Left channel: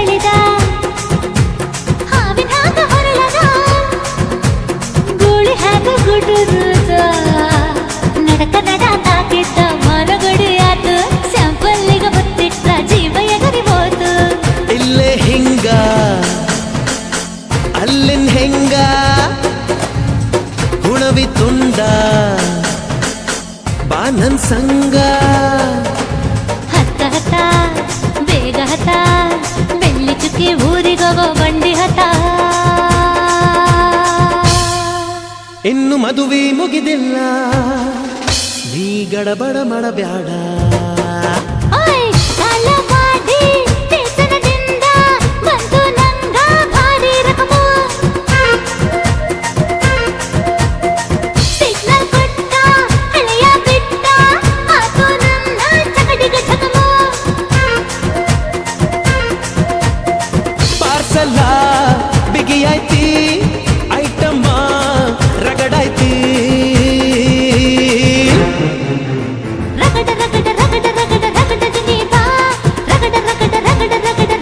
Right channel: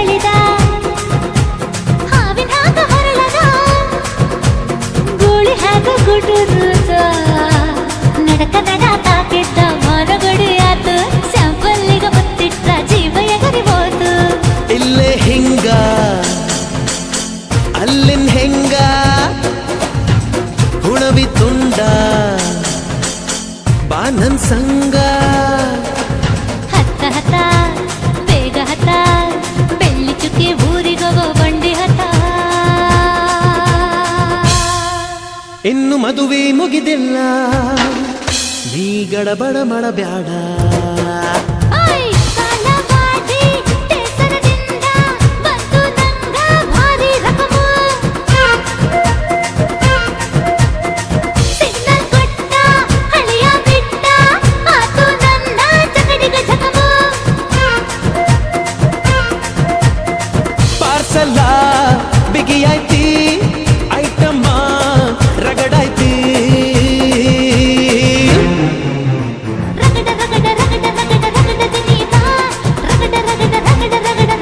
ಮರಳಿದ ಹಾವಿನ ಹಾಗ ಹೊರಳದ ಗೂಳಿ ಹಾಗ ಗುಡುರುದ ನಡಕ ನಡ ತಾಕಿದ್ದ ಮನಗಡಿ ಆತು ಸ್ಯಾಂಪಲ್ಲಿಗ ಮುತ್ತಿಟ್ಟ ಜೀವ ಎಗರಿಬೋದು ಇಲ್ಲೇ ಹಿಂಗ ಅಲ್ಲಿನ್ ಹೆಂಗ ಹುಣವಿ ತುಂಡ ಬಾ ನನ್ ಸಂಗ ಹತ್ತ ಹತ್ತ ಬೇಗ ಹತ್ತ ಬೆಳ್ಳಿ ಚುಕ್ಕಿ ಊರಿಗವ ಬಂಡಿ ಹತ್ತ ಇನ್ನು ಮದುವೆ ಮುಗಿದಿಲ್ಲ ನೀ ಗಡಬಡ ಮಾಡಬ್ಯಾಡ ಪಾರ್ಸಲ ಬಿಗಿಯಾಯ್ತಿ ಐಟಮ್ಮ ರಗಡಾಯ್ತಿ